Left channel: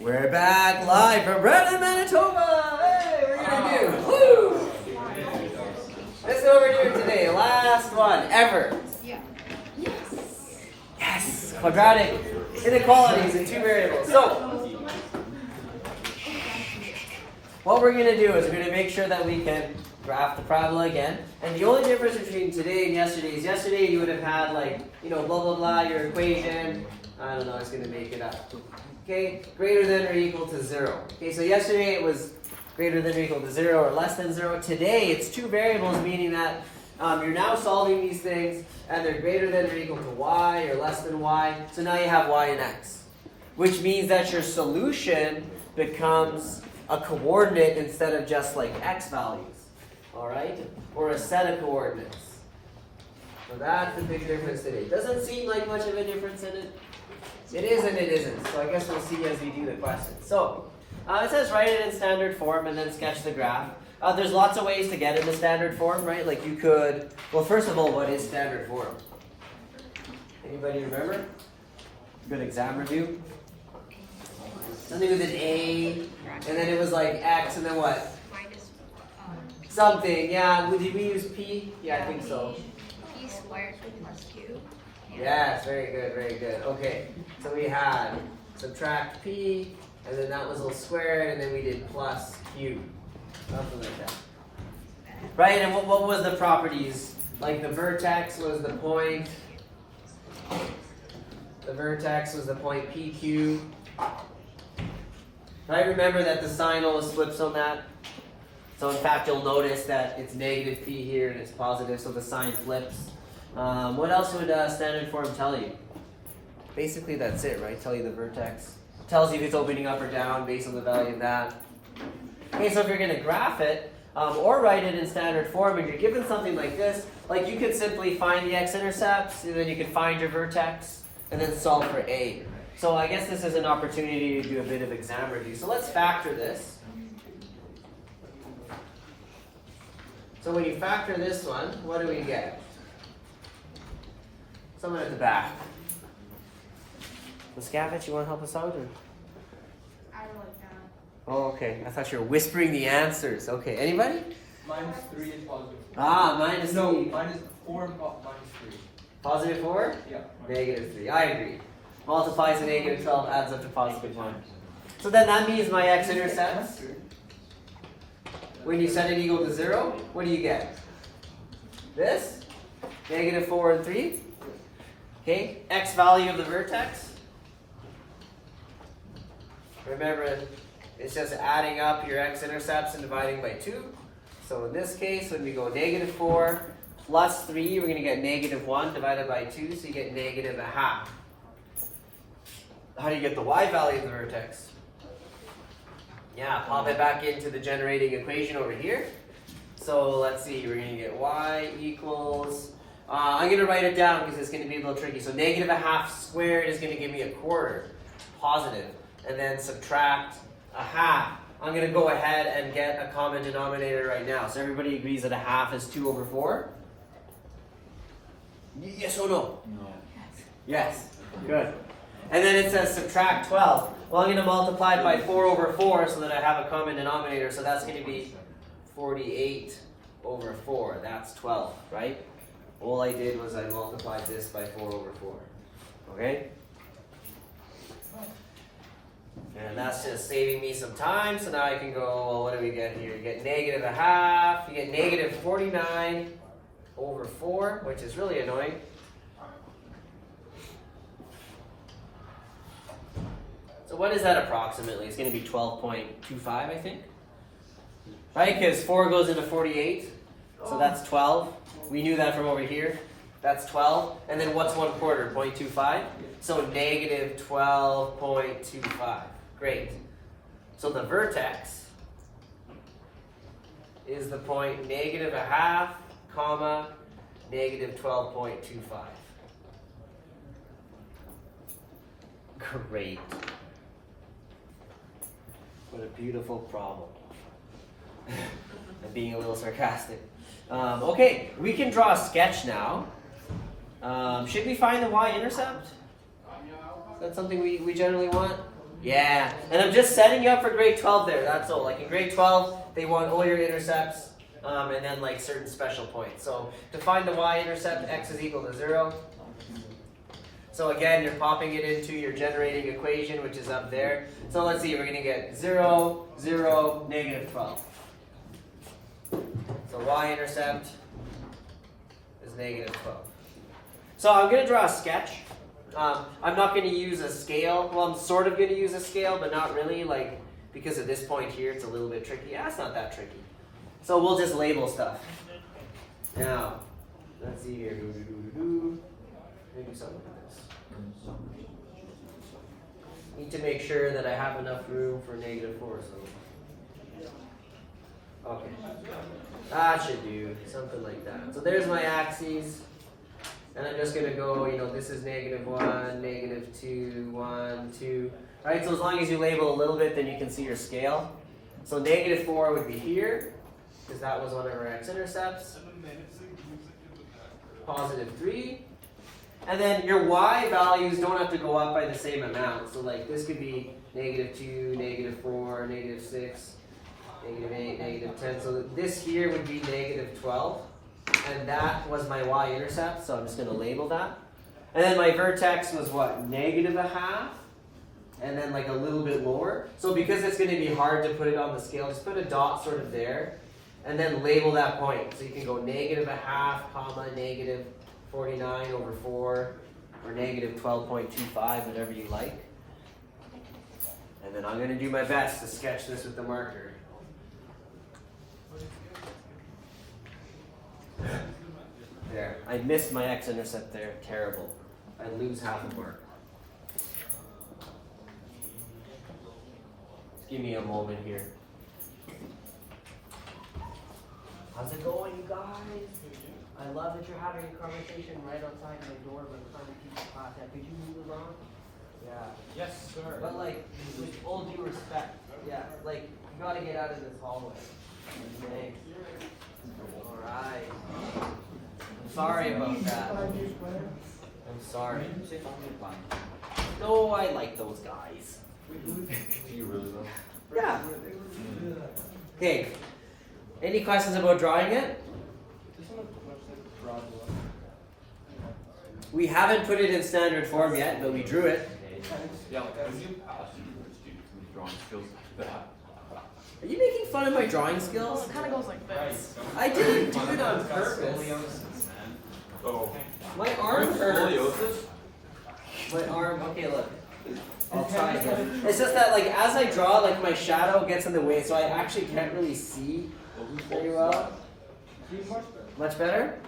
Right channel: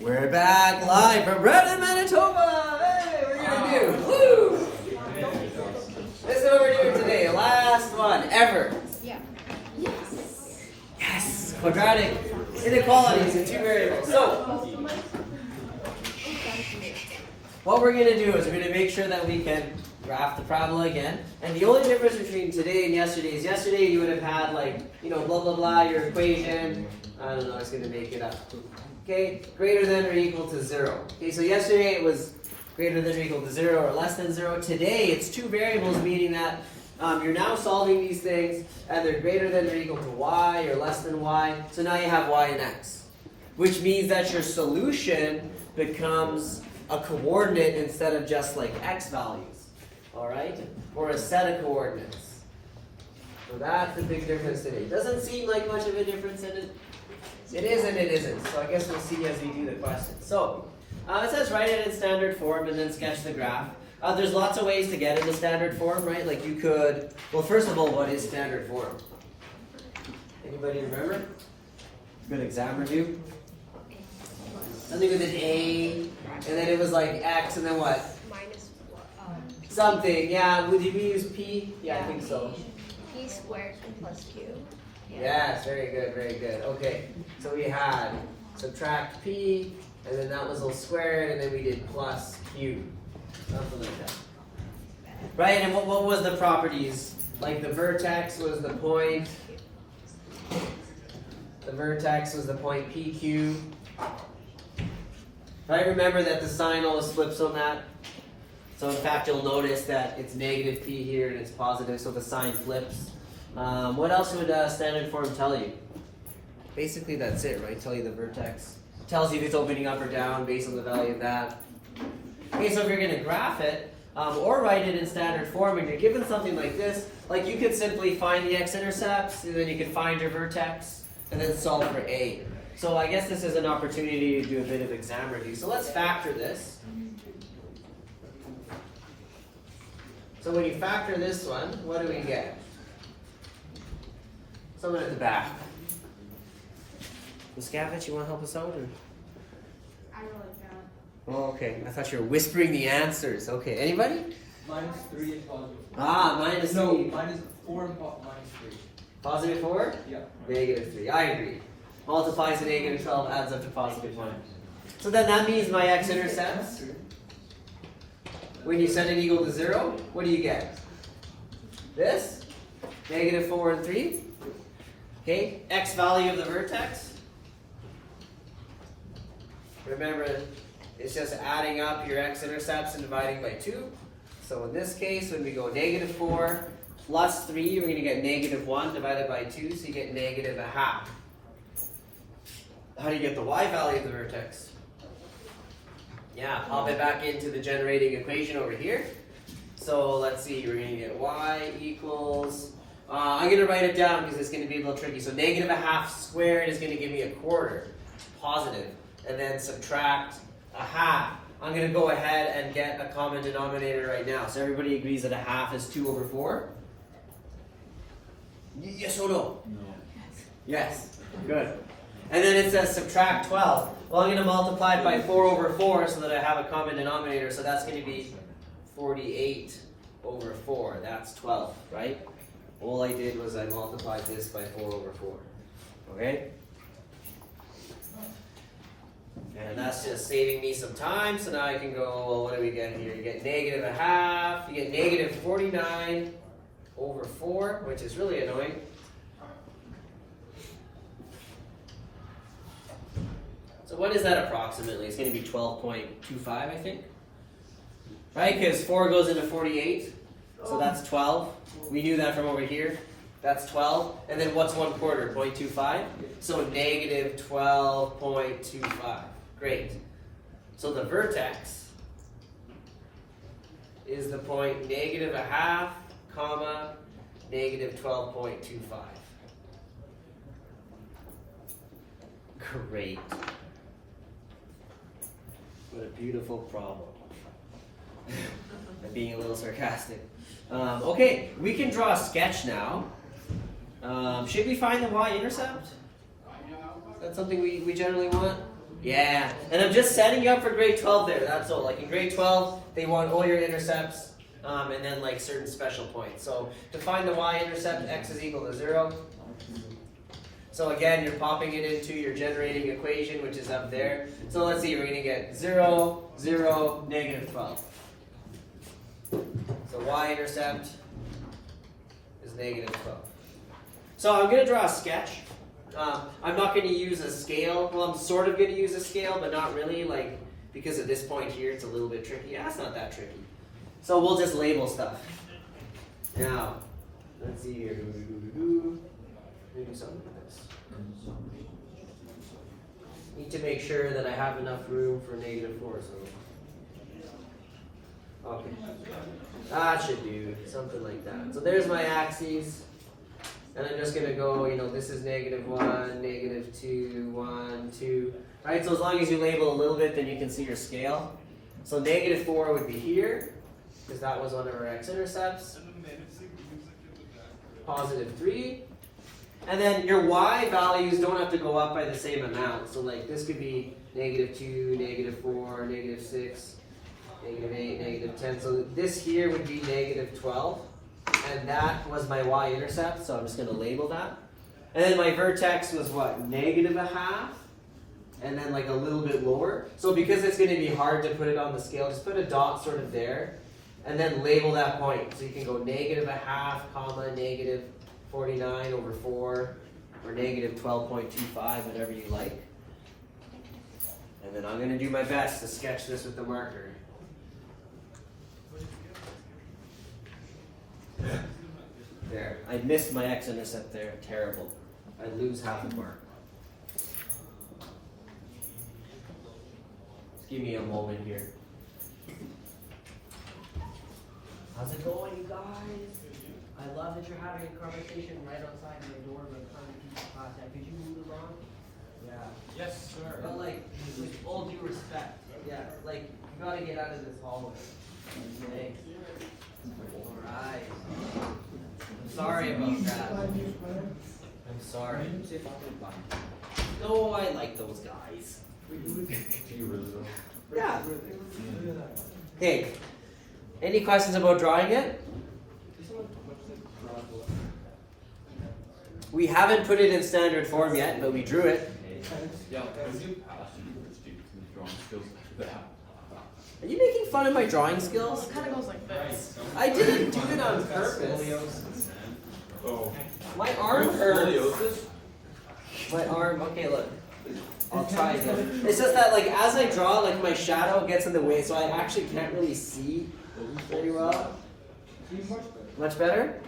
We're back live from Brandon, Manitoba. Hey, we're gonna do woo. This is what we're doing today. Last one ever. Yeah. Yes. Quadratic inequalities in two variables. So what we're gonna do is we're gonna make sure that we can graph the parabola again. And the only difference between today and yesterday is yesterday you would have had like, blah blah blah, your equation. I don't know, I was gonna make it up. Okay, greater than or equal to 0. Okay, so yesterday it was greater than or equal to 0 or less than 0. Today it's two variables, meaning that you're now solving these things and they're greater than or equal to y or less than y. So now you have y and x, which means that your solution becomes a coordinate instead of just like x values, all right? Or a set of coordinates. So that's the big difference today. Doesn't seem like much of a difference in it. It is and it isn't. So I guess we'll see as we do the question. So it says write it in standard form and then sketch the graph. There's lots of ways to get into standard form, right? Like you could, well, first of all, what is standard form? Anybody remember? Good exam review. Something with an A, and then it was like X, and then what? Minus something, yeah. Did we use P? Yeah, I think so. P squared plus Q. Yes, very good, very good. Okay, so we had subtract P, and then that was all squared, and then we did plus Q. Something like that. Right, and what was the properties? Like the vertex was the point. The vertex was the point PQ. Right, remember that the sign always flips on that. So in fact, you'll notice that it's negative P here and it's positive, so the sign flips. What else would standard form tell you? Basically, that's it, right? Tell you the vertex. Tells you if it's opening up or down based on the value of that. Okay, so if you're going to graph it, or write it in standard form, and you're given something like this, like you could simply find the X Intercepts, and then you can find your vertex, and then solve for A. So I guess this is an opportunity to do a bit of exam review. So let's factor this. So when you factor this one, what do we get? Someone at the back. Ms. Gavich, you want to help us out? Or? I don't like that. Oh, okay. I thought you were whispering the answers. Okay, anybody? Minus 3 is positive. Minus 3. No, minus 4 and minus 3. Positive 4? Yeah. Negative 3. I agree. Multiplies to negative 12, adds up to positive 1. So then that means my X intercepts. When you set it equal to 0, what do you get? This? Negative 4 and 3. Okay, X value of the vertex. Remember, it's just adding up your X intercepts and dividing by 2. So in this case, when we go negative 4 plus 3, we're going to get negative 1 divided by 2, so you get negative a half. How do you get the Y value of the vertex? Yeah, pop it back into the generating equation over here. So let's see, we're going to get Y equals, I'm going to write it down because it's going to be a little tricky. So negative a half squared is going to give me a quarter, positive, and then subtract a half. I'm going to go ahead and get a common denominator right now. So everybody agrees that a half is 2 over 4? Yes or no? No. Yes, good. And then it says subtract 12. Well, I'm going to multiply it by 4 over 4 so that I have a common denominator. So that's going to be 48 over 4. That's 12, right? All I did was I multiplied this by 4 over 4. Okay? And that's just saving me some time. So now I can go, well, what do we get here? We get negative a half. You get negative 49 over 4, which is really annoying. So what is that approximately? It's going to be 12.25, I think. Right? Because 4 goes into 48. So that's 12. We knew that from over here. That's 12. And then what's 1/4? 0.25? So negative 12.25. Great. So the vertex is the point negative a half, comma, negative 12.25. Great. What a beautiful problem. I'm being a little sarcastic. Okay, we can draw a sketch now. Should we find the y-intercept? Is that something we generally want? Yeah, and I'm just setting you up for grade 12 there, that's all. Like in grade 12, they want all your intercepts, and then like certain special points. So to find the y-intercept, x is equal to 0. So again, you're popping it into your generating equation, which is up there. So let's see, we're going to get 0, 0, negative 12. So y-intercept is negative 12. So I'm going to draw a sketch. I'm not going to use a scale. Well, I'm sort of going to use a scale, but not really, like, because at this point here, it's a little bit tricky. Yeah, it's not that tricky. So we'll just label stuff. Now, let's see here. Let me do something like this. Need to make sure that I have enough room for negative 4, so. Okay. That should do something like that. So there's my axes. And I'm just going to go, this is negative 1, negative 2, 1, 2. All right, so as long as you label a little bit, then you can see your scale. So negative 4 would be here, because that was one of our x-intercepts. Positive 3. And then your y values don't have to go up by the same amount. So like this could be negative 2, negative 4, negative 6, negative 8, negative 10. So this here would be negative 12. And that was my y-intercept, so I'm just going to label that. And then my vertex was what? Negative a half, and then like a little bit lower. So because it's going to be hard to put it on the scale, just put a dot sort of there, and then label that point. So you can go negative a half, comma, negative 49 over 4, or negative 12.25, whatever you like. And then I'm going to do my best to sketch this with the marker. There, I missed my x-intercept there. Terrible. I lose half a mark. Give me a moment here. How's it going, you guys? I love that you're having a conversation right outside my door with other people's contact. Could you move along? Yeah. Yes, sir. But like, with all due respect, yeah, like, you gotta get out of this hallway. Okay. Alright. I'm sorry about that. I'm sorry. No, I like those guys. Yeah. Hey, any questions about drawing it? We haven't put it in standard form yet, but we drew it. Are you making fun of my drawing skills? It kind of goes like this. I didn't do it on purpose. My arm hurts. My arm, okay, look. I'll try again. It's just that, like, as I draw, like, my shadow gets in the way, so I actually can't really see very well. Much better?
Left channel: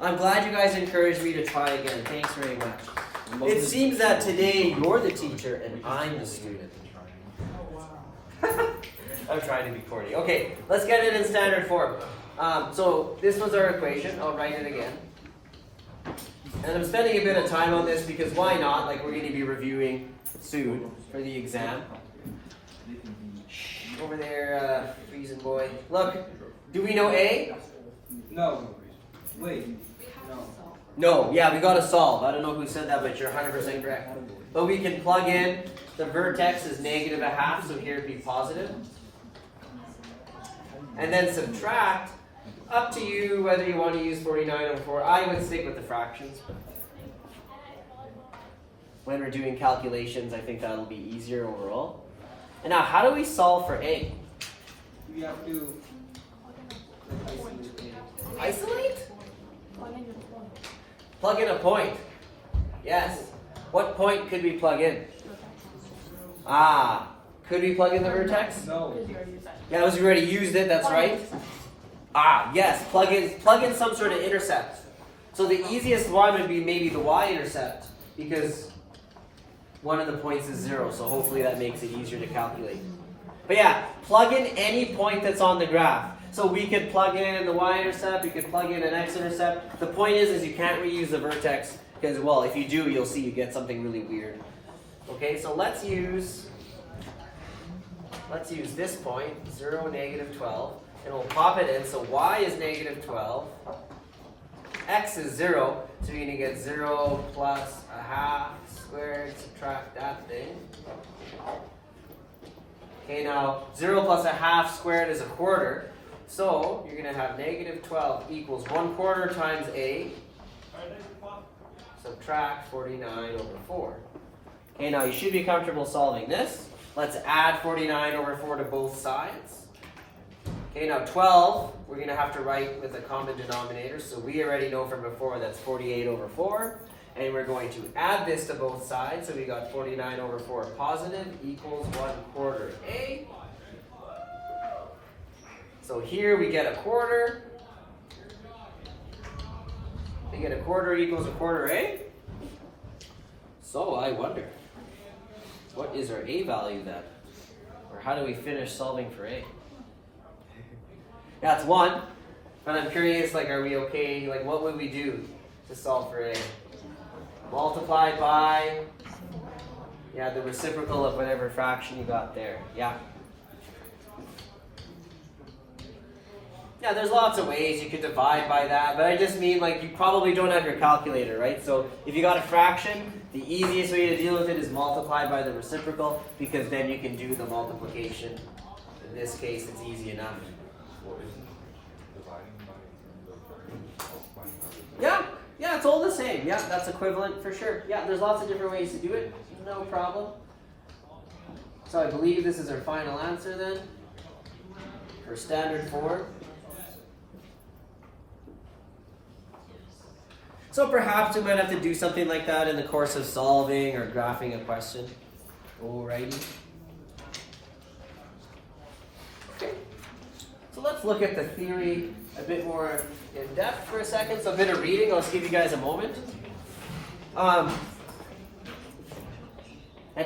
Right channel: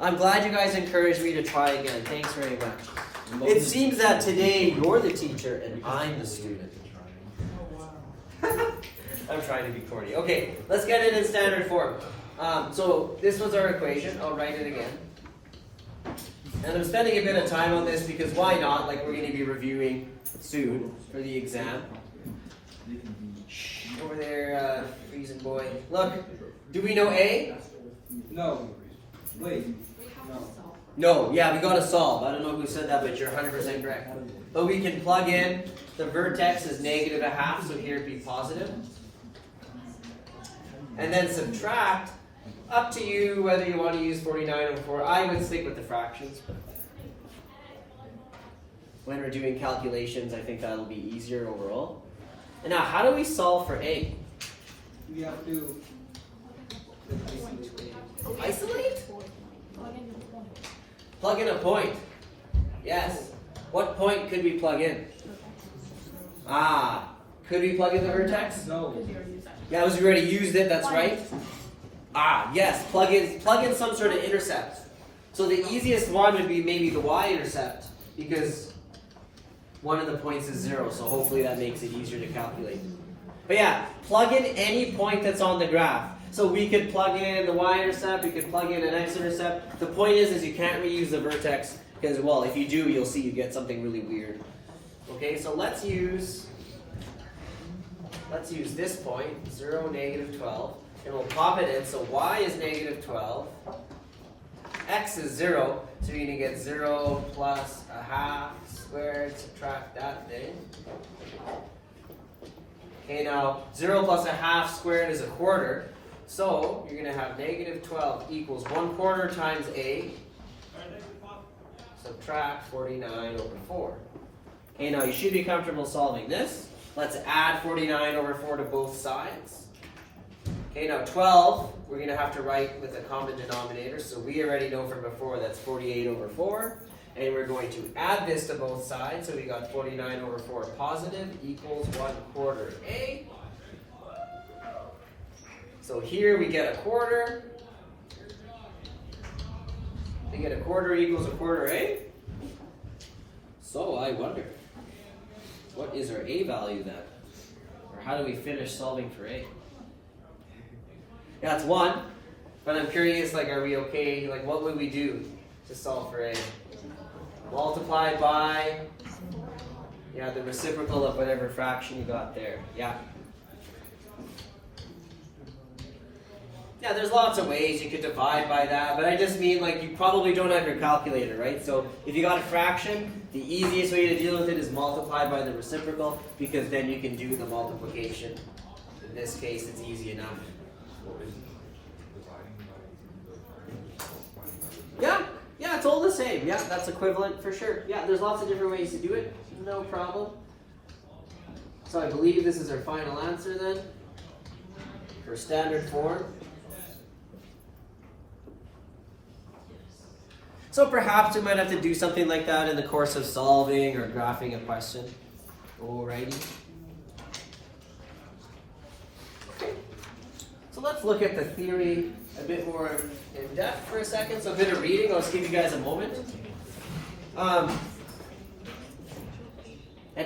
I'm glad you guys encouraged me to try again. Thanks very much. It seems that today you're the teacher and I'm the student. I'm trying to be corny. Okay, let's get it in standard form. So this was our equation. I'll write it again. And I'm spending a bit of time on this because why not? Like, we're going to be reviewing soon for the exam. Over there, freezing boy. Look, do we know A? No. Wait. No. No, yeah, we got to solve. I don't know who said that, but you're 100% correct. But we can plug in. The vertex is negative a half, so here it'd be positive. And then subtract. Up to you whether you want to use 49 over 4. I would stick with the fractions. When we're doing calculations, I think that'll be easier overall. And now, how do we solve for A? You have to Isolate? Plug in a point. Yes. What point could we plug in? Could we plug in the vertex? no. Yeah, because we already used it, that's right. Yes, plug in some sort of intercept. So the easiest one would be maybe the y-intercept, because one of the points is 0, so hopefully that makes it easier to calculate. But yeah, plug in any point that's on the graph. So we could plug in the y-intercept, we could plug in an x-intercept. The point is you can't reuse the vertex, because, well, if you do, you'll see you get something really weird. Okay, so let's use this point, 0, negative 12. And we'll pop it in, so y is negative 12, x is 0, so you're going to get 0 plus a half squared, subtract that thing. Okay, now 0 plus a half squared is a quarter. So you're going to have negative 12 equals 1/4 times a. Subtract 49 over 4. Okay, now you should be comfortable solving this. Let's add 49 over 4 to both sides. Okay, now 12, we're going to have to write with a common denominator. So we already know from before that's 48 over 4. And we're going to add this to both sides. So we got 49 over 4 positive equals 1/4 a. So here we get a quarter. We get a quarter equals a quarter a. So I wonder, what is our a value then? Or how do we finish solving for a? That's 1. But I'm curious, like, are we okay? Like, what would we do to solve for a? Multiply by, yeah, the reciprocal of whatever fraction you got there. Yeah. Yeah, there's lots of ways you could divide by that, but I just mean, like, you probably don't have your calculator, right? So if you got a fraction, the easiest way to deal with it is multiply by the reciprocal, because then you can do the multiplication. In this case, it's easy enough. Yeah, it's all the same. Yeah, that's equivalent for sure. Yeah, there's lots of different ways to do it. No problem. So I believe this is our final answer then, for standard form. So perhaps we might have to do something like that in the course of solving or graphing a question. Alrighty. Okay. So let's look at the theory a bit more in depth for a second. So a bit of reading. I'll just give you guys a moment. And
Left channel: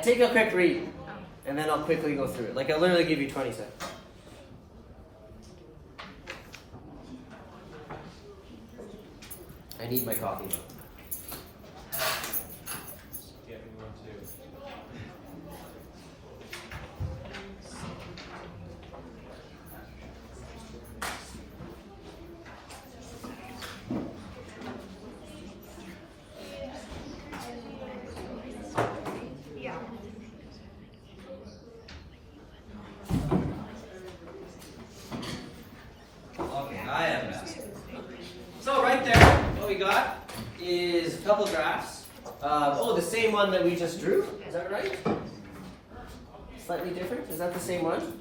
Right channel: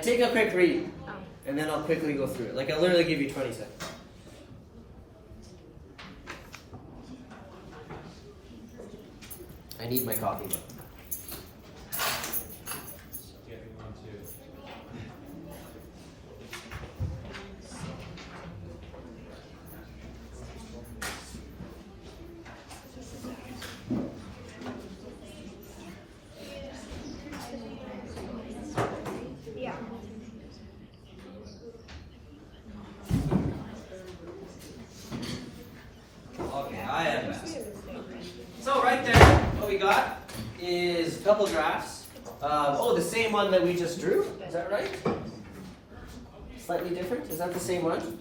take a quick read, and then I'll quickly go through it. Like, I literally give you 20 seconds. I need my coffee. So right there, what we got is a couple graphs. The same one that we just drew. Is that right? Slightly different. Is that the same one?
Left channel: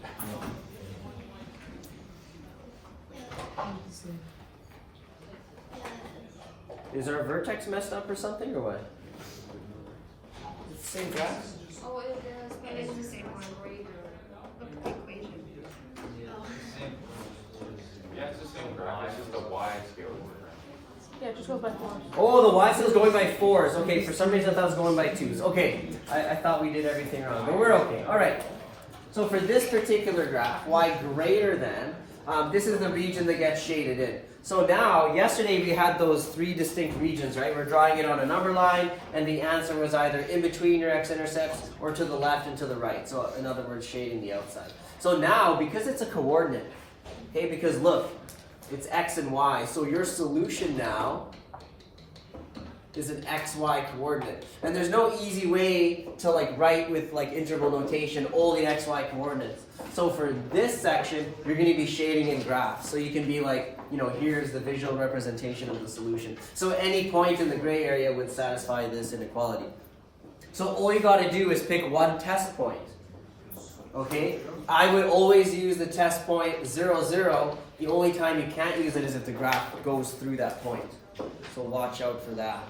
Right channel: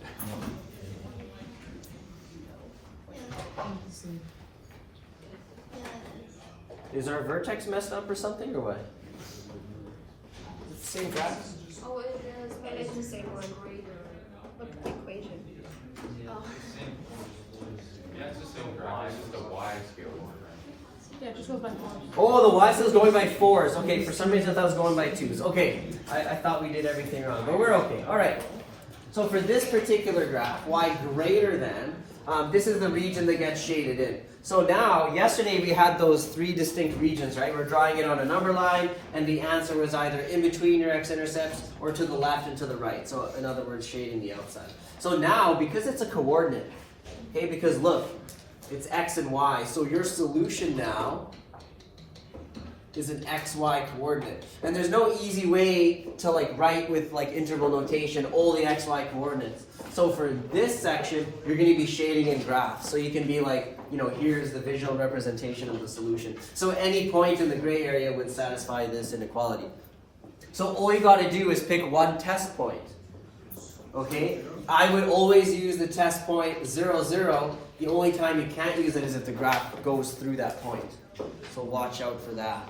Is our vertex messed up or something, or what? It's the same graph? Oh, it is, but it's the same one where you look at the equation. Oh. Yeah, it's the same y, just the y scale. Yeah, just go by 4. Oh, the y scale is going by 4s. Okay, for some reason I thought it was going by 2s. Okay, I thought we did everything wrong, but we're okay. All right. So for this particular graph, y greater than, this is the region that gets shaded in. So now, yesterday we had those 3 distinct regions, right? We're drawing it on a number line, and the answer was either in between your x-intercepts or to the left and to the right. So in other words, shading the outside. So now, because it's a coordinate, okay, because look, it's x and y, so your solution now is an xy coordinate. And there's no easy way to write with integral notation all the xy coordinates. So for this section, you're going to be shading in graphs. So you can be here's the visual representation of the solution. So any point in the gray area would satisfy this inequality. So all you got to do is pick one test point. Okay? I would always use the test point 0, 0. The only time you can't use it is if the graph goes through that point. So watch out for that.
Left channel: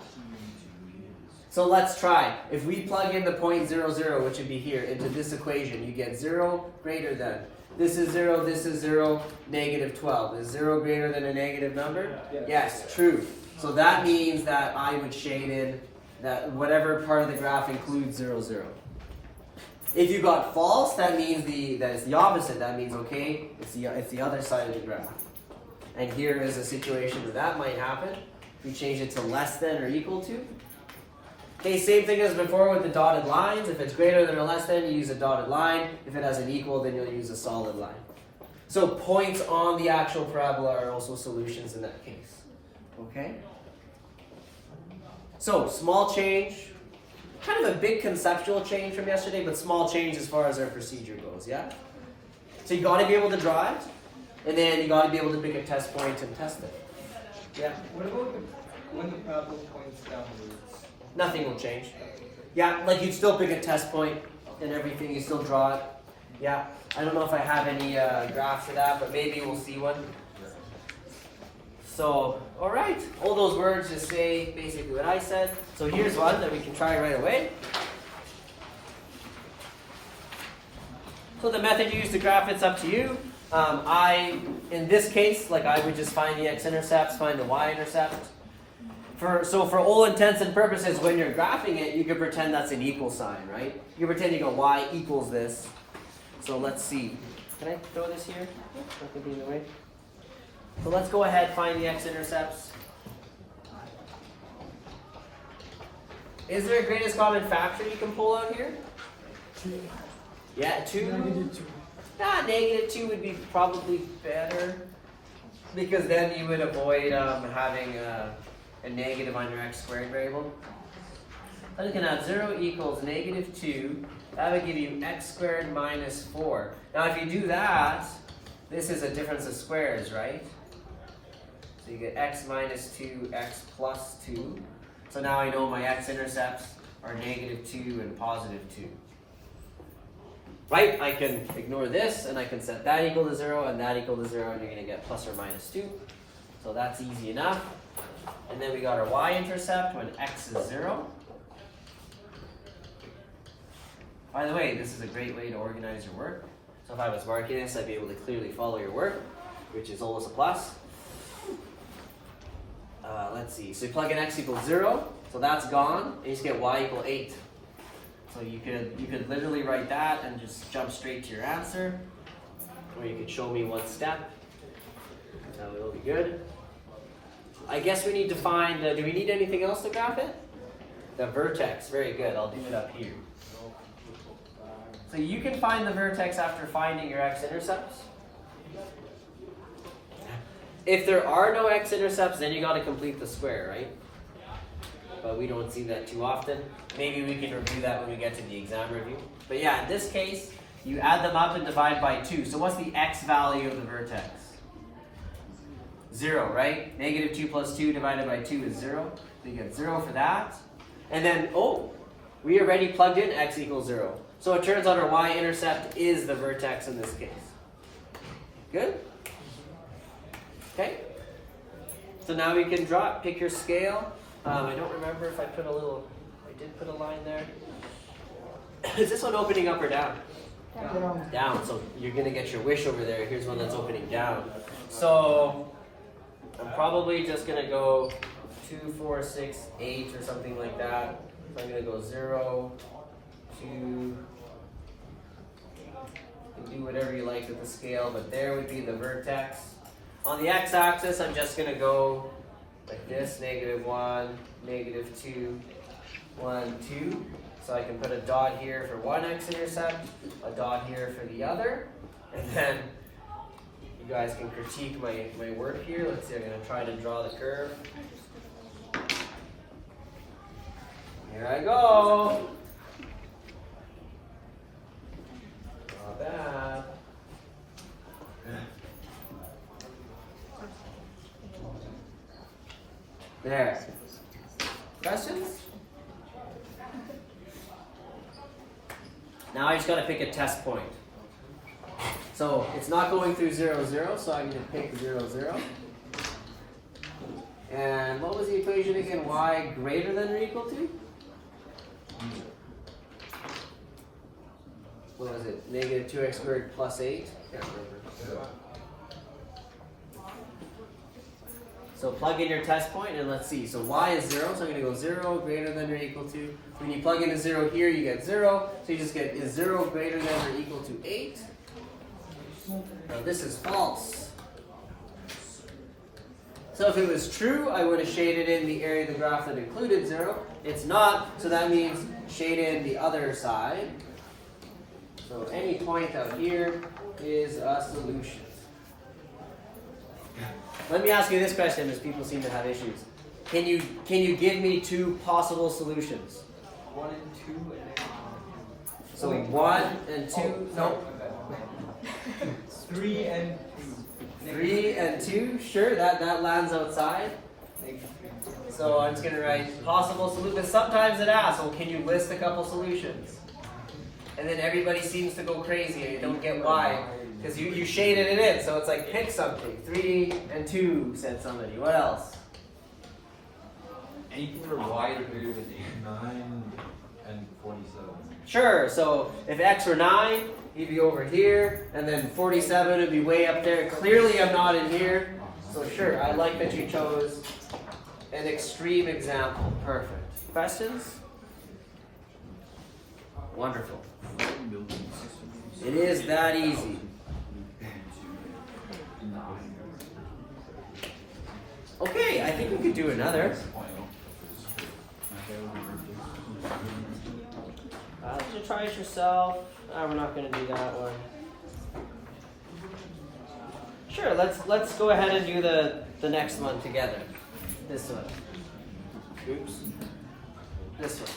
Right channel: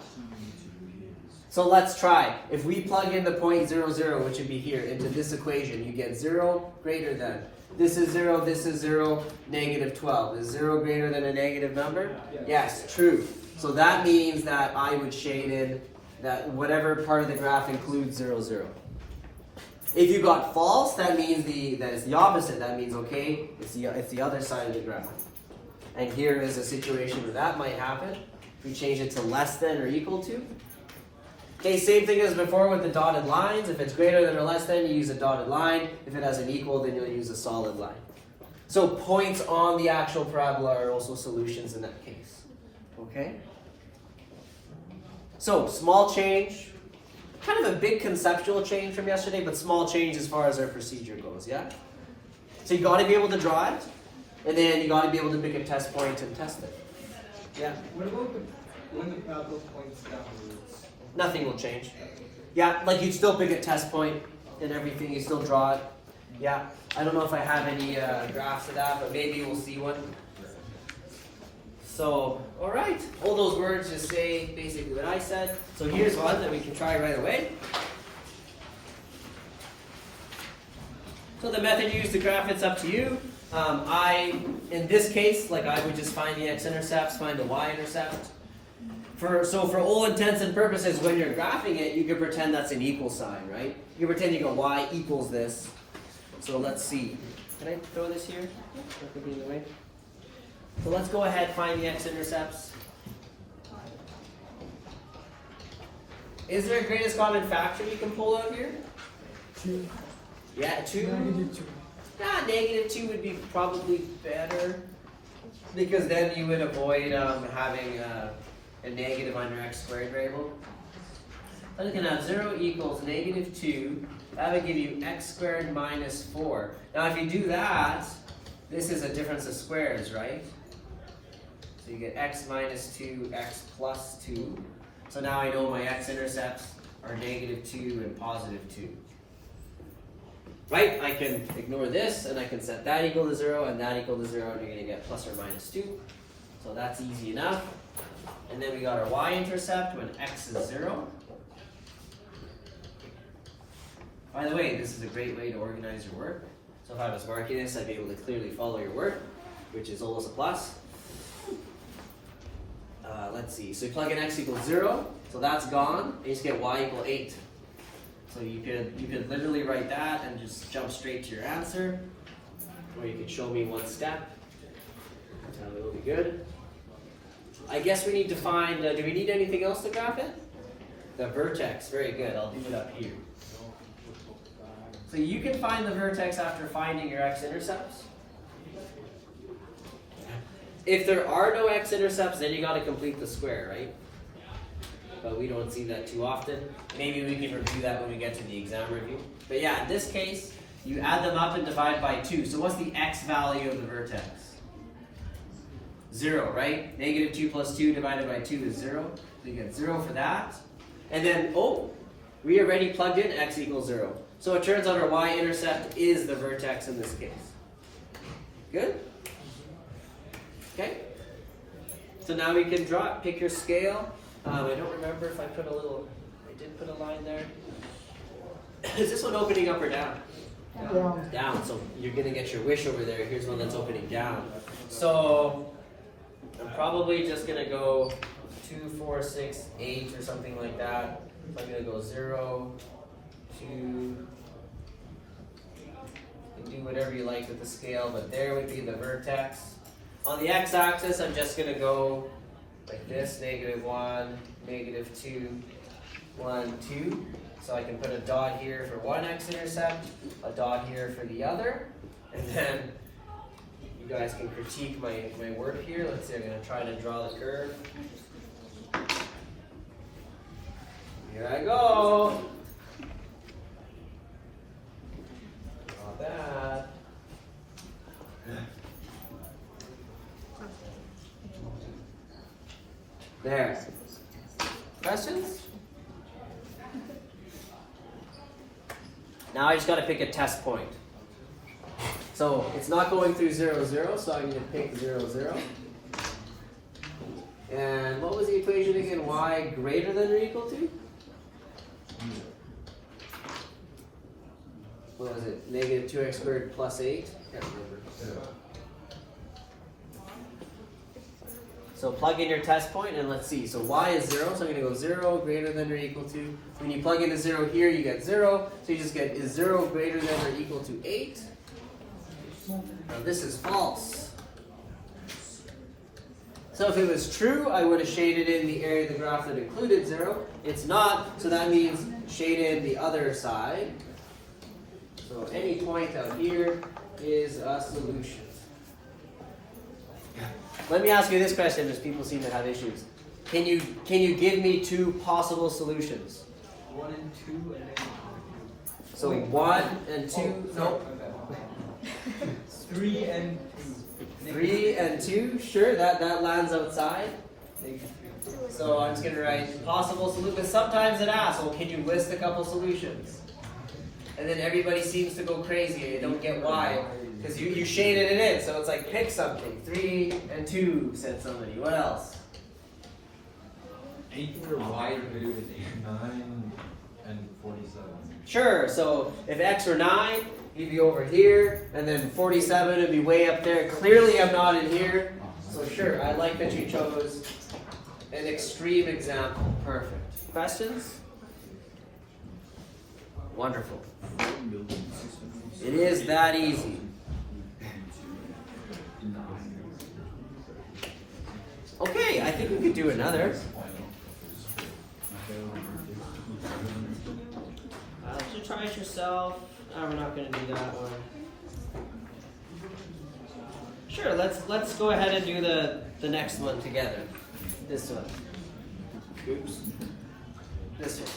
So let's try. If we plug in the point 0, 0, which would be here, into this equation, you get 0 greater than. This is 0, this is 0, negative 12. Is 0 greater than a negative number? Yes, true. So that means that I would shade in that whatever part of the graph includes 0, 0. If you got false, that means that is the opposite. That means, okay, it's the other side of the graph. And here is a situation where that might happen. If we change it to less than or equal to. Okay, same thing as before with the dotted lines. If it's greater than or less than, you use a dotted line. If it has an equal, then you'll use a solid line. So points on the actual parabola are also solutions in that case. Okay? So, small change. kind of a big conceptual change from yesterday, but small change as far as our procedure goes, yeah? So you got to be able to draw it, and then you got to be able to pick a test point and test it. Yeah? What about when the parabola points downwards? Nothing will change. Yeah, like you'd still pick a test point and everything, you still draw it. Yeah, I don't know if I have any graphs of that, but maybe we'll see one. So, alright, all those words just say basically what I said. So here's one that we can try right away. So the method you use to graph it's up to you. In this case, like I would just find the x-intercepts, find the y-intercept. So for all intents and purposes, when you're graphing it, you can pretend that's an equal sign, right? You can pretend you go y equals this. So let's see. Can I throw this here? Not gonna be in the way. So let's go ahead, find the x-intercepts. Is there a greatest common factor you can pull out here? 2. Yeah, 2. -2. Yeah, -2 would be probably better. Because then you would avoid having a negative on your x squared variable. I'm looking at 0 equals -2. That would give you x squared minus 4. Now if you do that, this is a difference of squares, right? So you get x minus 2, x plus 2. So now I know my x-intercepts are -2 and +2. Right? I can ignore this and I can set that equal to 0 and that equal to 0 and you're going to get plus or minus 2. So that's easy enough. And then we got our y-intercept when x is 0. By the way, this is a great way to organize your work. So if I was marking this, I'd be able to clearly follow your work, which is always a plus. Let's see, so you plug in x equals 0, so that's gone, and you just get y equal 8. So you could literally write that and just jump straight to your answer, or you could show me one step. It'll be good. I guess we need to find, do we need anything else to graph it? The vertex, very good, I'll do it up here. So you can find the vertex after finding your x-intercepts. If there are no x-intercepts, then you got to complete the square, right? But we don't see that too often. Maybe we can review that when we get to the exam review. But yeah, in this case, you add them up and divide by 2. So what's the x value of the vertex? 0, right? -2 plus 2 divided by 2 is 0. So you get 0 for that. And then, we already plugged in x equals 0. So it turns out our y-intercept is the vertex in this case. Good? Okay? So now we can draw it. Pick your scale. I don't remember if I put I did put a line there. Is this one opening up or down? Down. Down. So you're going to get your wish over there. Here's one that's opening down. So I'm probably just going to go 2, 4, 6, 8 or something like that. So I'm going to go 0, 2. You can do whatever you like with the scale, but there would be the vertex. On the x-axis, I'm just going to go like this, -1, -2, 1, 2. So I can put a dot here for one x-intercept, a dot here for the other, and then you guys can critique my work here. Let's see, I'm going to try to draw the curve. Here I go. Not bad. There. Questions? Now I just got to pick a test point. So it's not going through 0, 0, so I'm going to pick 0, 0. And what was the equation again? Y greater than or equal to? What was it? -2x squared plus 8? Can't remember. So plug in your test point and let's see. So y is 0, so I'm going to go 0 greater than or equal to. When you plug in a 0 here, you get 0. So you just get, is 0 greater than or equal to 8? Now this is false. So if it was true, I would have shaded in the area of the graph that included 0. It's not, so that means shade in the other side. So any point out here is a solution. Let me ask you this question, as people seem to have issues. Can you give me two possible solutions? 1 and 2 and then So 1 and 2, nope. 3 and 2. 3 and 2, sure, that lands outside. So I'm just going to write possible solutions. Sometimes it asks, well, can you list a couple solutions? And then everybody seems to go crazy and you don't get why. Because you shaded it in, so it's like pick something. 3 and 2, said somebody. What else? Anything where y is bigger than 9 and 47. Sure, so if x were 9, he'd be over here, and then 47 would be way up there. Clearly I'm not in here, so sure, I like that you chose an extreme example. Perfect. Questions? Wonderful. It is that easy. Okay, I think we could do another. Did you try it yourself? I'm not going to do that one. Sure, let's go ahead and do the next one together. This one. Oops. This one.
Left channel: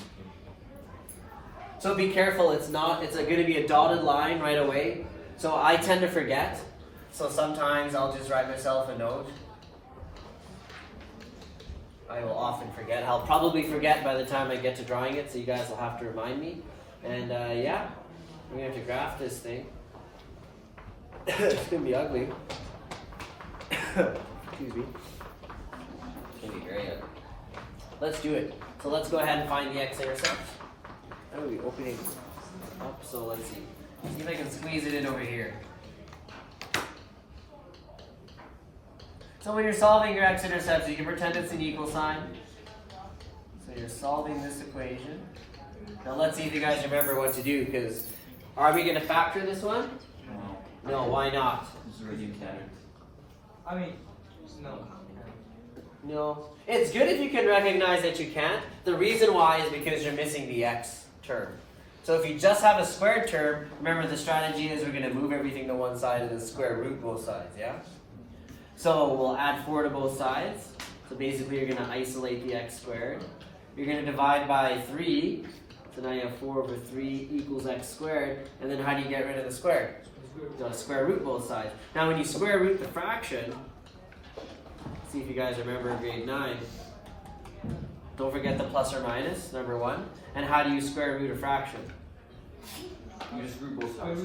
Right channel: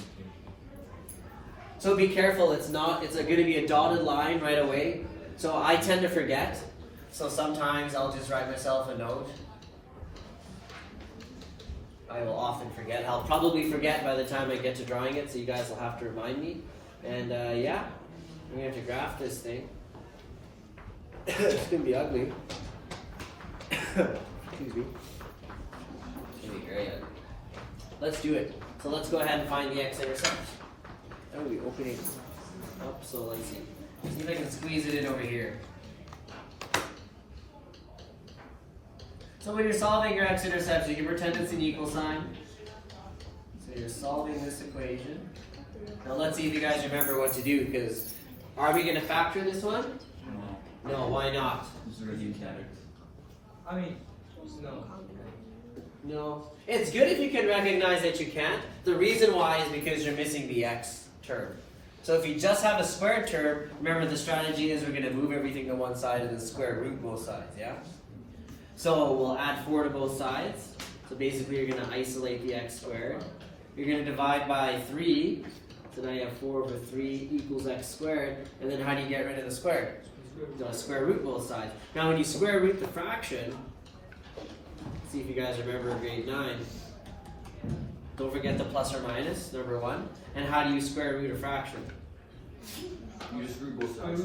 So be careful, it's going to be a dotted line right away. So I tend to forget. So sometimes I'll just write myself a note. I will often forget. I'll probably forget by the time I get to drawing it, so you guys will have to remind me. And yeah, we're going to have to graph this thing. It's going to be ugly. Excuse me. It's going to be great. Let's do it. So let's go ahead and find the X Intercepts. I'm going to be opening up, so let's see. See if I can squeeze it in over here. So when you're solving your X Intercepts, you can pretend it's an equal sign. So you're solving this equation. Now let's see if you guys remember what to do, because are we going to factor this one? No, why not? I mean, no. No. It's good if you can recognize that you can't. The reason why is because you're missing the x term. So if you just have a squared term, remember the strategy is we're going to move everything to one side and then square root both sides, yeah? So we'll add 4 to both sides. So basically you're going to isolate the x squared. You're going to divide by 3. So now you have 4 over 3 equals x squared. And then how do you get rid of the square? You square root both sides. Now when you square root the fraction, see if you guys remember in grade 9, don't forget the plus or minus, number 1. And how do you square root a fraction? You just root both sides.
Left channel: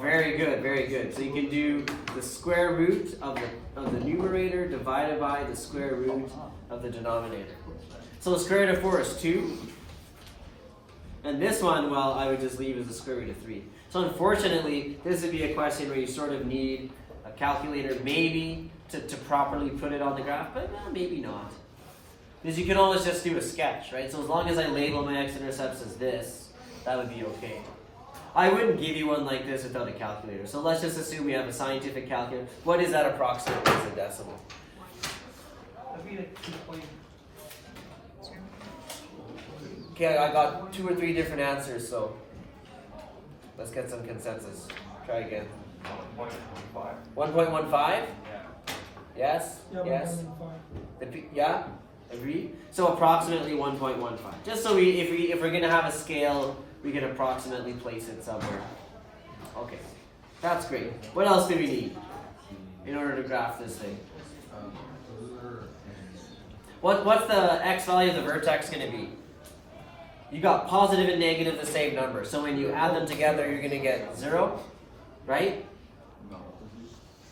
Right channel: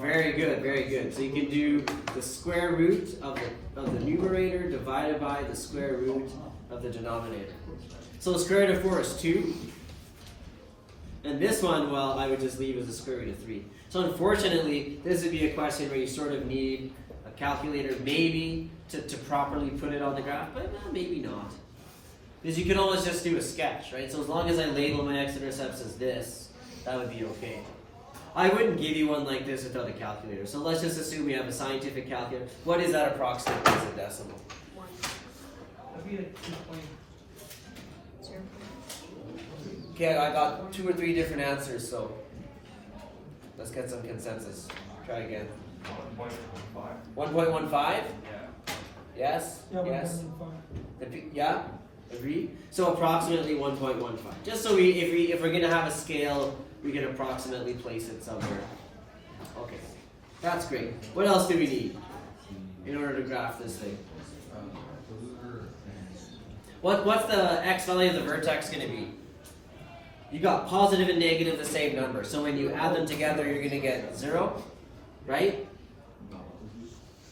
Very good, very good. So you can do the square root of the numerator divided by the square root of the denominator. So the square root of 4 is 2. And this one, well, I would just leave as the square root of 3. So unfortunately, this would be a question where you sort of need a calculator maybe to properly put it on the graph, but maybe not. Because you can always just do a sketch, right? So as long as I label my x-intercepts as this, that would be okay. I wouldn't give you one like this without a calculator. So let's just assume we have a scientific calculator. What is that approximately as a decimal? Okay, I got 2 or 3 different answers, so let's get some consensus. Try again. 1.15? Yes? Yeah, Yes? Yeah? Agree? So approximately 1.15. Just so if we're going to have a scale, we can approximately place it somewhere. Okay, that's great. What else do we need in order to graph this thing? What's the x value of the vertex going to be? You got positive and negative the same number. So when you add them together, you're going to get 0, right?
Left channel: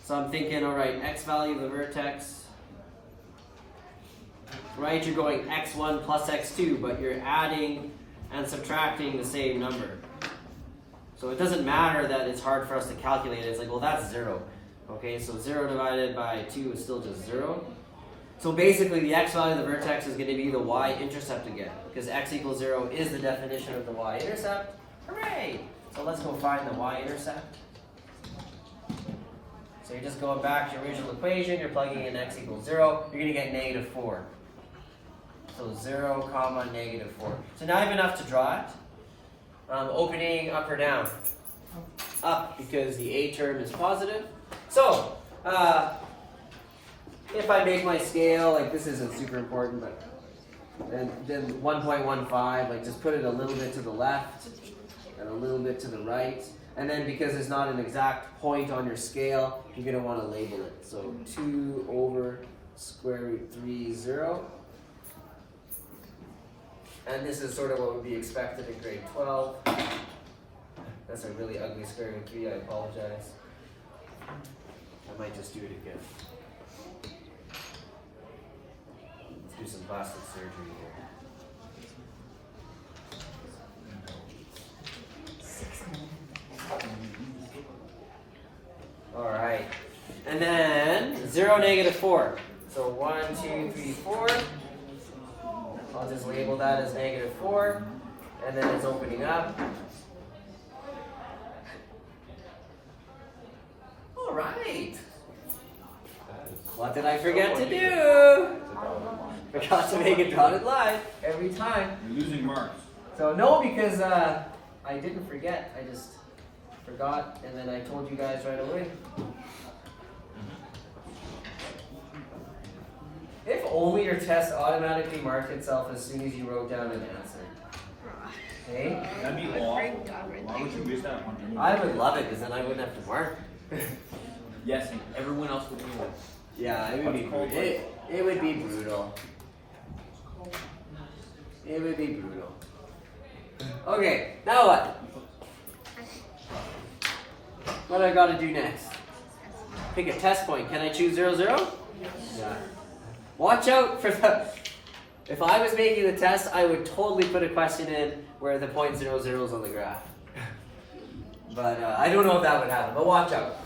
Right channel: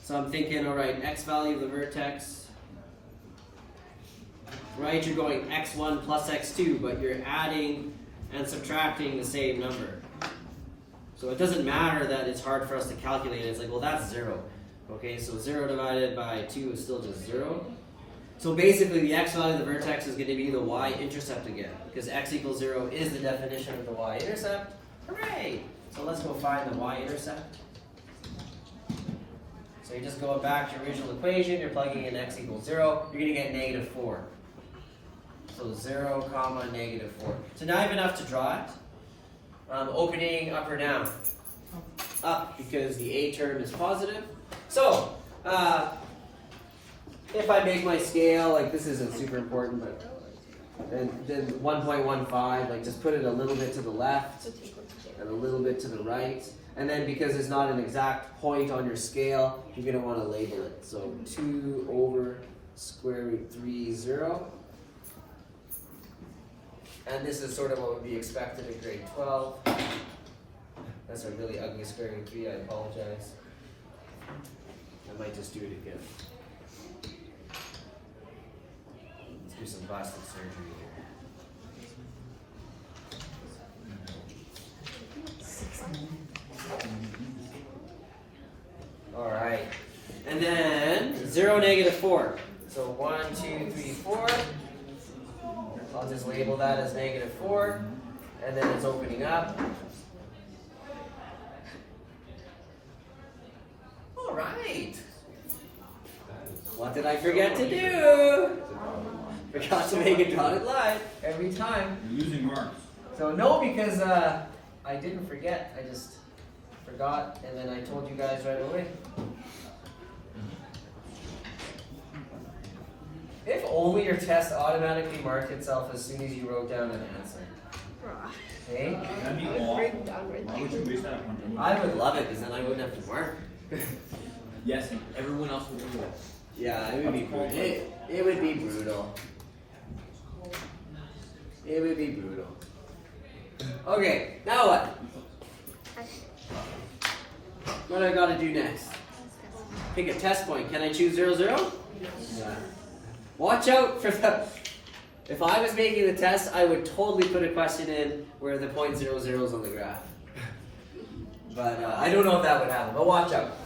So I'm thinking, all right, x value of the vertex. Right, you're going x1 plus x2, but you're adding and subtracting the same number. So it doesn't matter that it's hard for us to calculate it. It's like, well, that's 0. Okay, so 0 divided by 2 is still just 0. So basically, the x value of the vertex is going to be the y-intercept again, because x equals 0 is the definition of the y-intercept. Hooray! So let's go find the y-intercept. So you're just going back to your original equation. You're plugging in x equals 0. You're going to get negative 4. So 0, comma, negative 4. So now I have enough to draw it. Opening up or down? Up, because the a term is positive. So, if I make my scale, like this isn't super important, but And then 1.15, like just put it a little bit to the left So it's equal to 0. and a little bit to the right. And then because it's not an exact point on your scale, you're going to want to label it. So 2 over square root 3, 0. And this is sort of what would be expected in grade 12. That's a really ugly square root 3, I apologize. I might just do it again. Let's do some plastic surgery here. Alright. And then 0, negative 4. So 1, 2, 3, 4. I'll just label that as negative 4. And then it's opening up. Alright. What did I forget to do? Forgot to make a dotted line every time. You're losing marks. So no, because I didn't forget. I just forgot, and then I told you guys right away. If only your test automatically marked itself as soon as you wrote down an answer. Right. Hey? That'd be I would awful. break down right Why would you waste that on? I would love it, because then I wouldn't have to mark. Yes, and everyone else would do it. Yeah, it would be brutal. It would be brutal. It would be brutal. Okay, now what? What do I got to do next? Pick a test point. Can I choose 0, 0? Yeah. Watch out for the... If I was making the test, I would totally put a question in where the point 0, 0 is on the graph. But I don't know if that would happen, but watch out.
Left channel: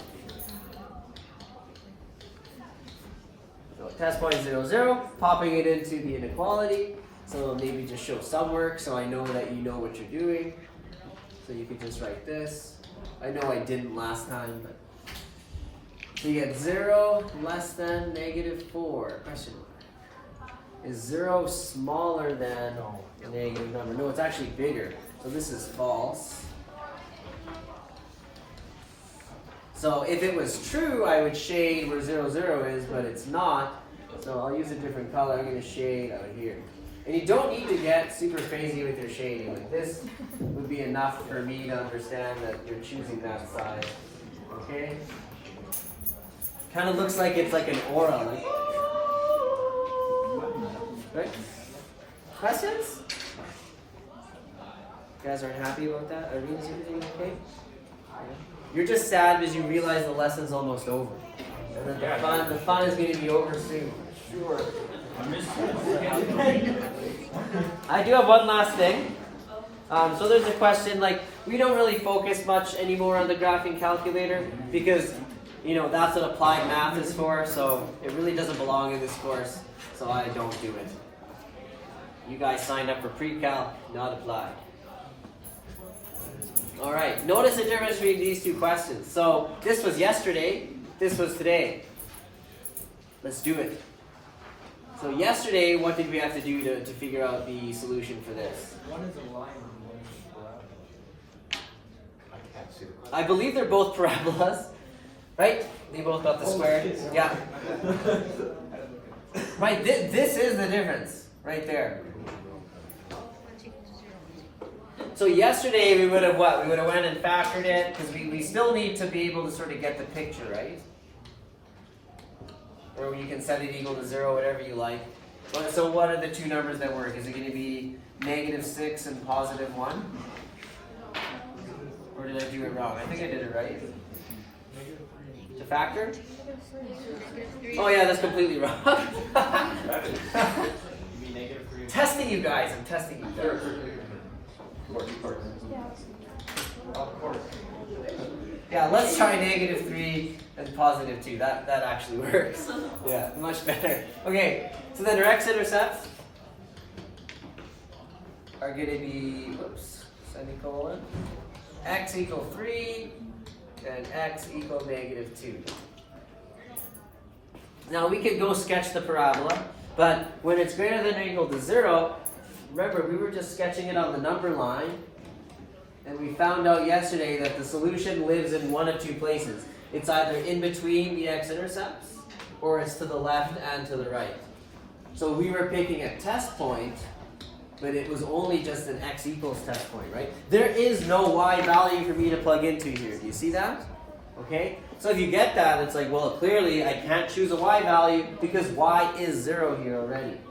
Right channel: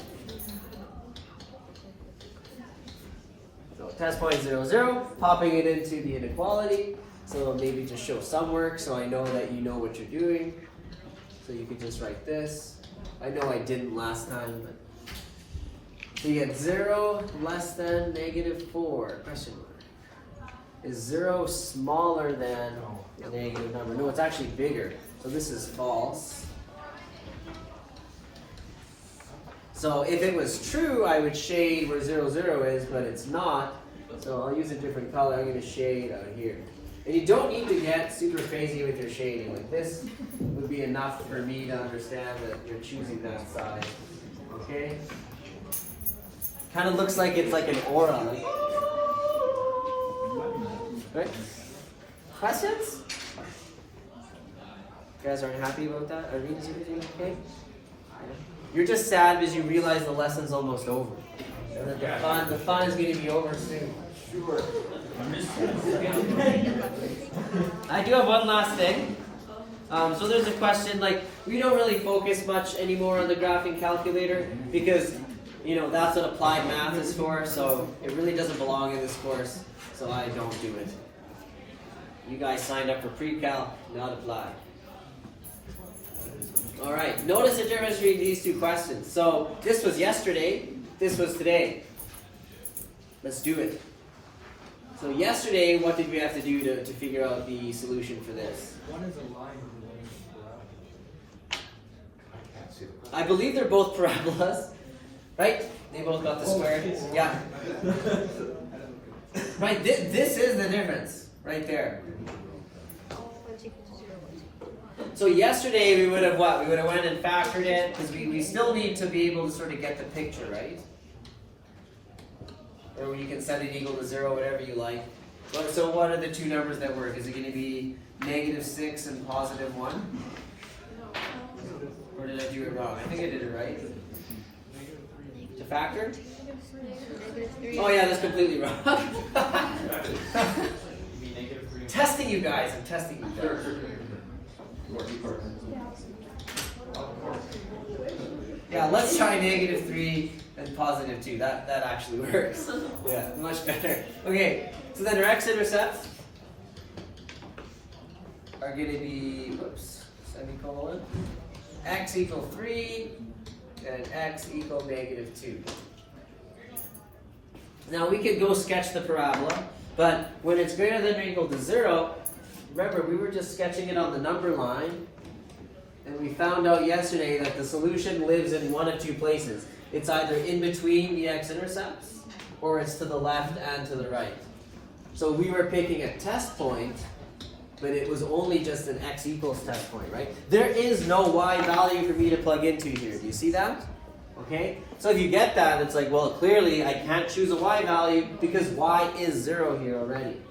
So test point 0, 0, popping it into the inequality. So it'll maybe just show some work so I know that you know what you're doing. So you could just write this. I know I didn't last time, but so you get 0 less than negative 4, question mark. Is 0 smaller than a negative number? No, it's actually bigger. So this is false. So if it was true, I would shade where 0, 0 is, but it's not. So I'll use a different color. I'm going to shade out here. And you don't need to get super crazy with your shading. Like this would be enough for me to understand that you're choosing that side. Okay? Kind of looks like it's like an aura. Like, right? Questions? You guys aren't happy about that? Are we everything okay? You're just sad because you realize the lesson's almost over. And that the fun is going to be over soon. Sure. I do have one last thing. So there's a question, like, we don't really focus much anymore on the graphing calculator because, you know, that's what applied math is for, so it really doesn't belong in this course, so I don't do it. You guys signed up for pre-cal, not applied. Alright, notice the difference between these two questions. So this was yesterday, this was today. Let's do it. So yesterday, what did we have to do to figure out the solution for this? One is a line and one is a parabola. I believe they're both parabolas, right? They both got the square. Yeah. Right, this is the difference, right there. One's equal to 0, one's equal to 1. So yesterday we would have what? We would have went and factored it, because we still need to be able to sort of get the picture, right? Or you can set it equal to 0, whatever you like. But, so what are the two numbers that work? Is it going to be -6 and +1? Or did I do it wrong? I think I did it right. To factor? -3. Oh yeah, that's completely wrong. You mean negative 3? Testing you guys. I'm testing you guys. Yeah, let's try -3 and +2. That actually works. Yeah, much better. Okay, so then our X intercepts are going to be, whoops, semicolon, x equal 3 and x equal -2. Now we could go sketch the parabola, but when it's greater than or equal to 0, remember we were just sketching it on the number line, and we found out yesterday that the solution lives in one of two places. It's either in between the x-intercepts, or it's to the left and to the right. So we were picking a test point, but it was only just an x equals test point, right? There is no y value for me to plug into here. Do you see that? Okay? So if you get that, it's like, well, clearly I can't choose a y value because y is 0 here already.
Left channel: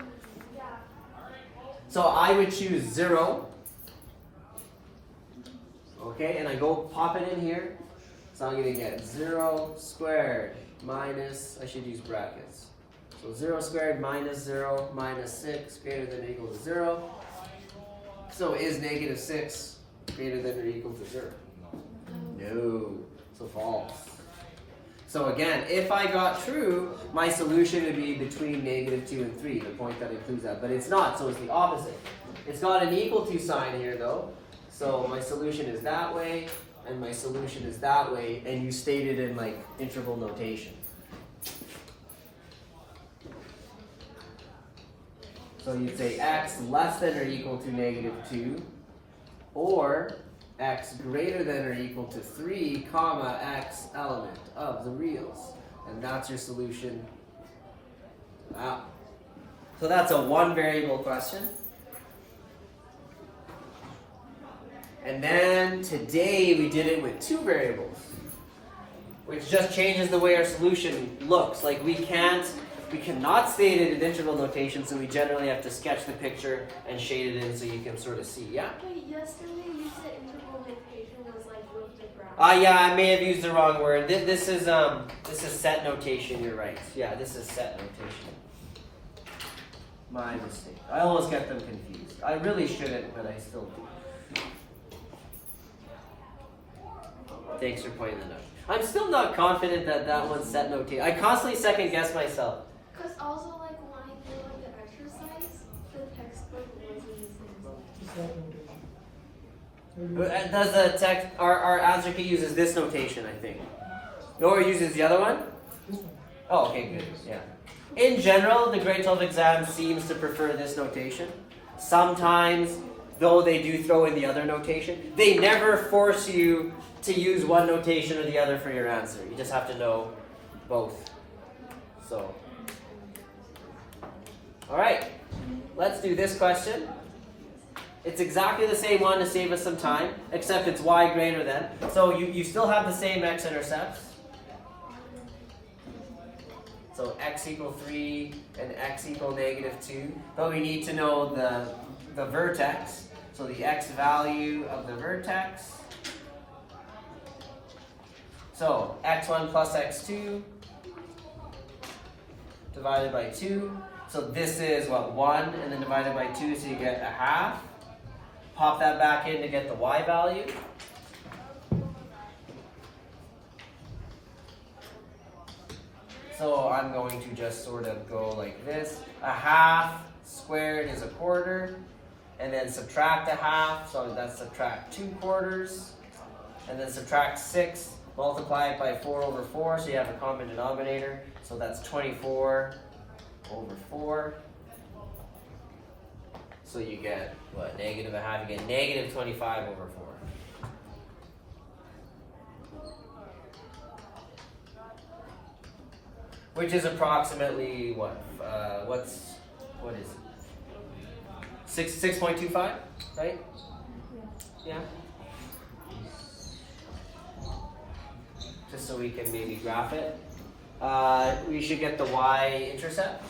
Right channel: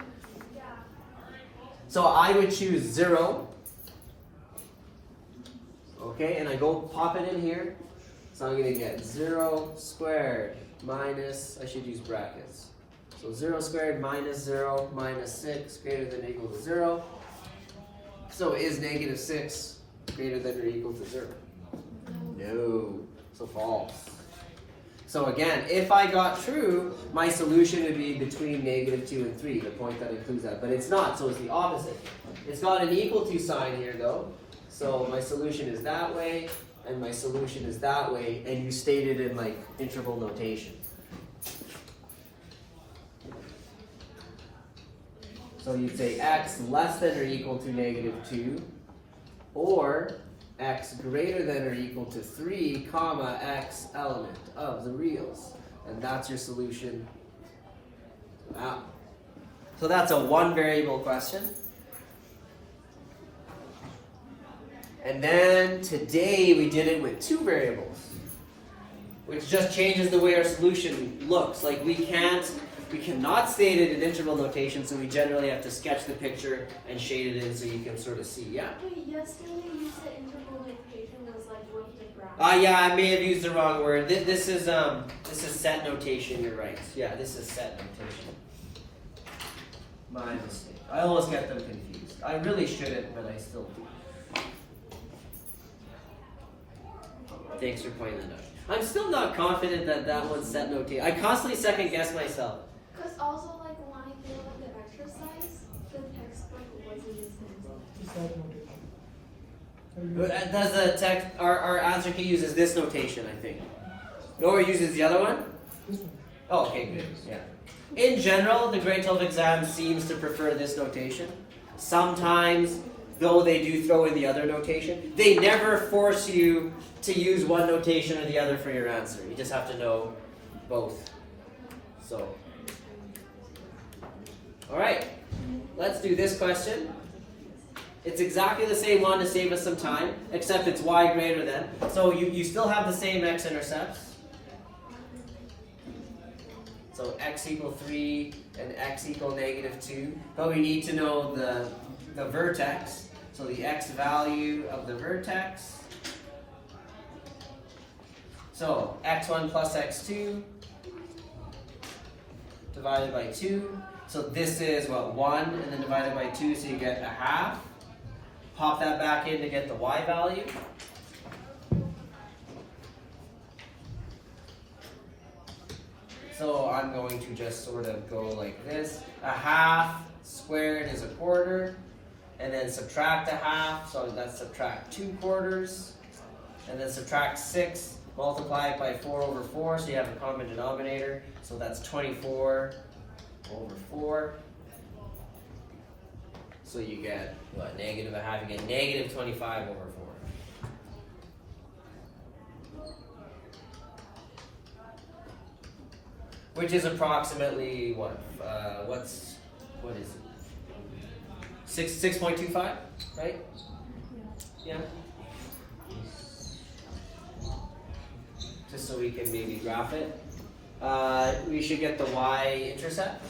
So I would choose 0. Okay, and I go pop it in here. So I'm going to get 0 squared minus, I should use brackets. So 0 squared minus 0 minus 6 greater than or equal to 0. So is negative 6 greater than or equal to 0? No. So false. So again, if I got true, my solution would be between negative 2 and 3, the point that includes that. But it's not, so it's the opposite. It's got an equal to sign here though. So my solution is that way, and my solution is that way, and you state it in like interval notation. So you'd say x less than or equal to negative 2, or x greater than or equal to 3, comma, x element of the reals. And that's your solution. Wow. So that's a one variable question. And then today we did it with two variables, which just changes the way our solution looks. Like we cannot state it in interval notation, so we generally have to sketch the picture and shade it in so you can sort of see. Yeah? Okay, yesterday you said interval notation was like with the graph. Yeah, I may have used the wrong word. This is set notation. You're right. Yeah, this is set notation. My mistake. I almost get them confused. I really shouldn't, but I still do. Thanks for pointing that out. I'm still not confident that that one's set notation. I constantly second guess myself. Because also like when I did like the exercise, the textbook wasn't the same. Does the text, our answer key uses this notation, I think. No, it uses the other one? Oh, okay, good. Yeah. In general, the grade 12 exam seems to prefer this notation. Sometimes, though they do throw in the other notation, they never force you to use one notation or the other for your answer. You just have to know both. So, all right, let's do this question. It's exactly the same one to save us some time, except it's y greater than. So you still have the same x intercepts. So x equal 3 and x equal negative 2. But we need to know the vertex. So the x value of the vertex. So x1 plus x2 divided by 2. So this is what, 1 and then divided by 2, so you get a half. Pop that back in to get the y value. So I'm going to just sort of go like this. A half squared is a quarter. And then subtract a half, so that's subtract 2 quarters. And then subtract 6, multiply it by 4 over 4, so you have a common denominator. So that's 24 over 4. So you get, what, negative a half, you get negative 25 over 4. Which is approximately, what is it? 6.25, right? Yeah. Just so we can maybe graph it. We should get the y-intercept.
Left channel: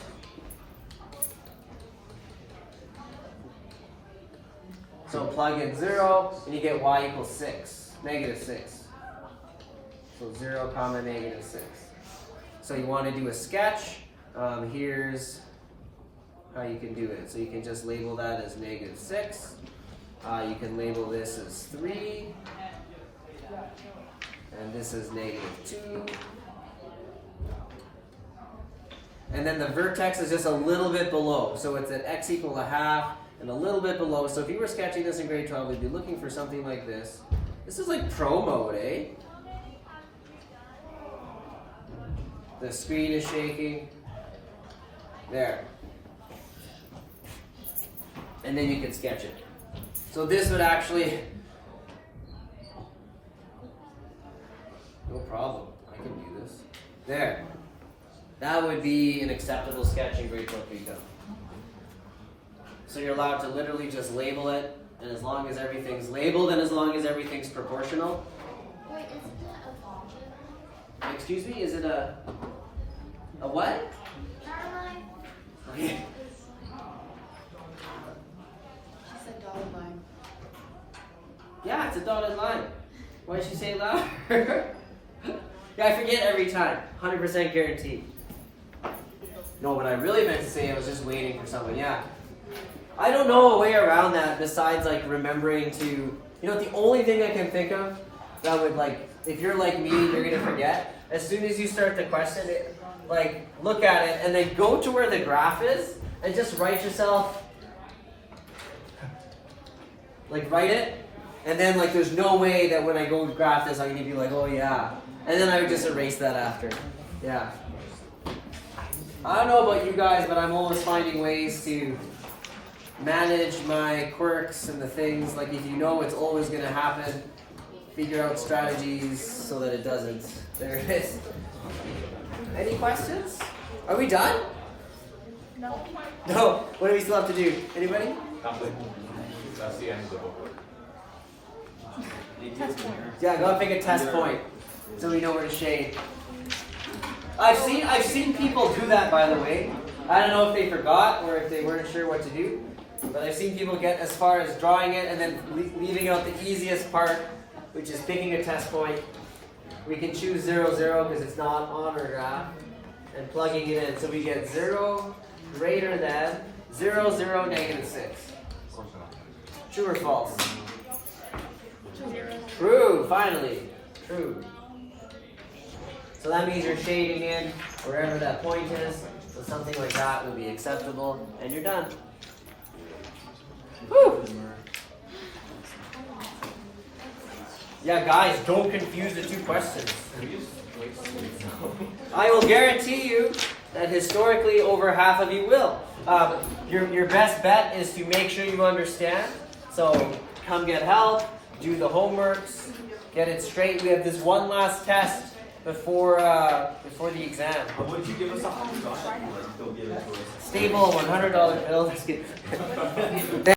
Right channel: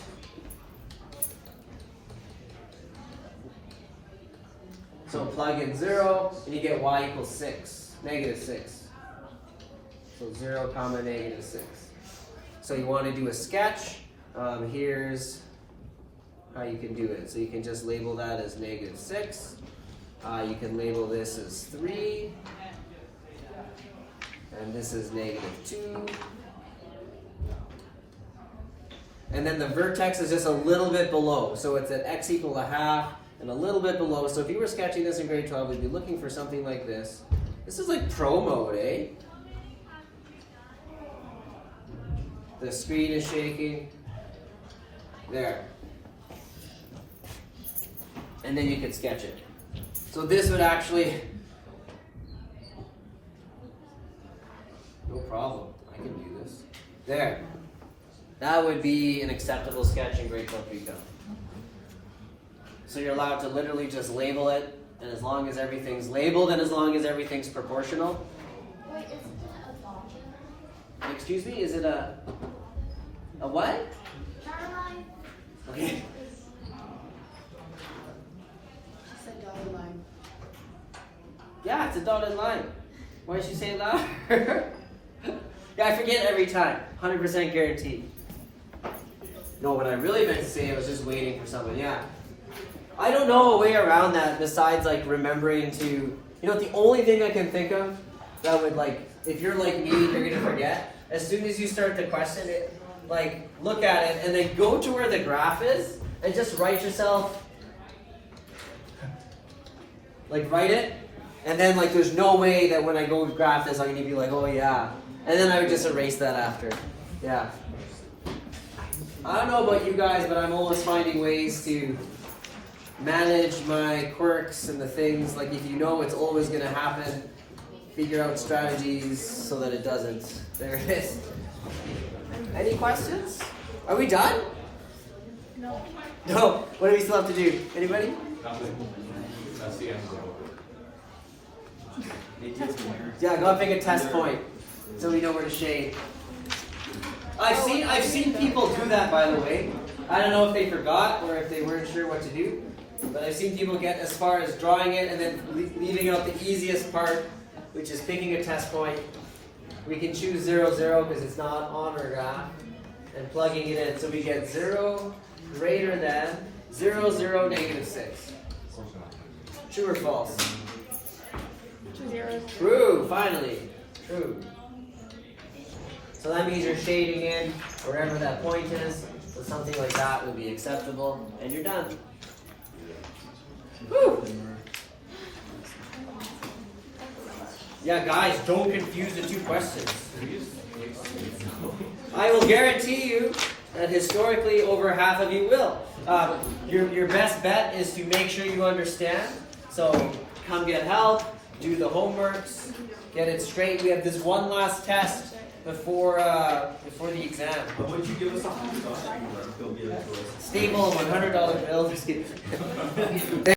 So plug in 0, and you get y equals 6, negative 6. So 0 comma negative 6. So you want to do a sketch. Here's how you can do it. So you can just label that as negative 6. You can label this as 3. And this is negative 2. And then the vertex is just a little bit below. So it's at x equal a half and a little bit below. So if you were sketching this in grade 12, we'd be looking for something like this. This is like pro mode, eh? The screen is shaking. There. And then you could sketch it. So this would actually, no problem, I can do this. There. That would be an acceptable sketch in grade 12 recon. So you're allowed to literally just label it, and as long as everything's labeled and as long as everything's proportional. Wait, isn't it a dotted? Excuse me, is it a what? Never mind. Okay. She said dotted line. Yeah, it's a dotted line. Why'd you say it louder? Yeah, I forget every time. 100% guaranteed. No, what I really meant to say, I was just waiting for someone. Yeah. I don't know a way around that besides like remembering to, you know, the only thing I can think of that would like, if you're like me, you're gonna forget. As soon as you start to question it, like look at it and then go to where the graph is and just write yourself, like write it. And then like there's no way that when I go graph this, I'm gonna be like, oh yeah. And then I would just erase that after. Yeah. I don't know about you guys, but I'm always finding ways to manage my quirks and the things. Like if you know it's always gonna happen, figure out strategies so that it doesn't. There it is. Any questions? Are we done? No. No. What do we still have to do? Anybody? That's the end goal. Yeah, go and pick a test point so we know where to shade. I've seen people do that, by the way. I don't know if they forgot or if they weren't sure what to do, but I've seen people get as far as drawing it and then leaving out the easiest part, which is picking a test point. We can choose 0, 0 because it's not on our graph, and plugging it in. So we get 0 greater than 0, 0, negative 6. True or false? 2 zeros. True, finally. True. So that means you're shading in wherever that point is. So something like that would be acceptable. And you're done. Whew. Yeah, guys, don't confuse the two questions. I will guarantee you that historically over half of you will. Your best bet is to make sure you understand. So come get help. Do the homeworks, get it straight. We have this one last test before the exam. But would you give us a high star? Go give it to us. Stable $100 bill.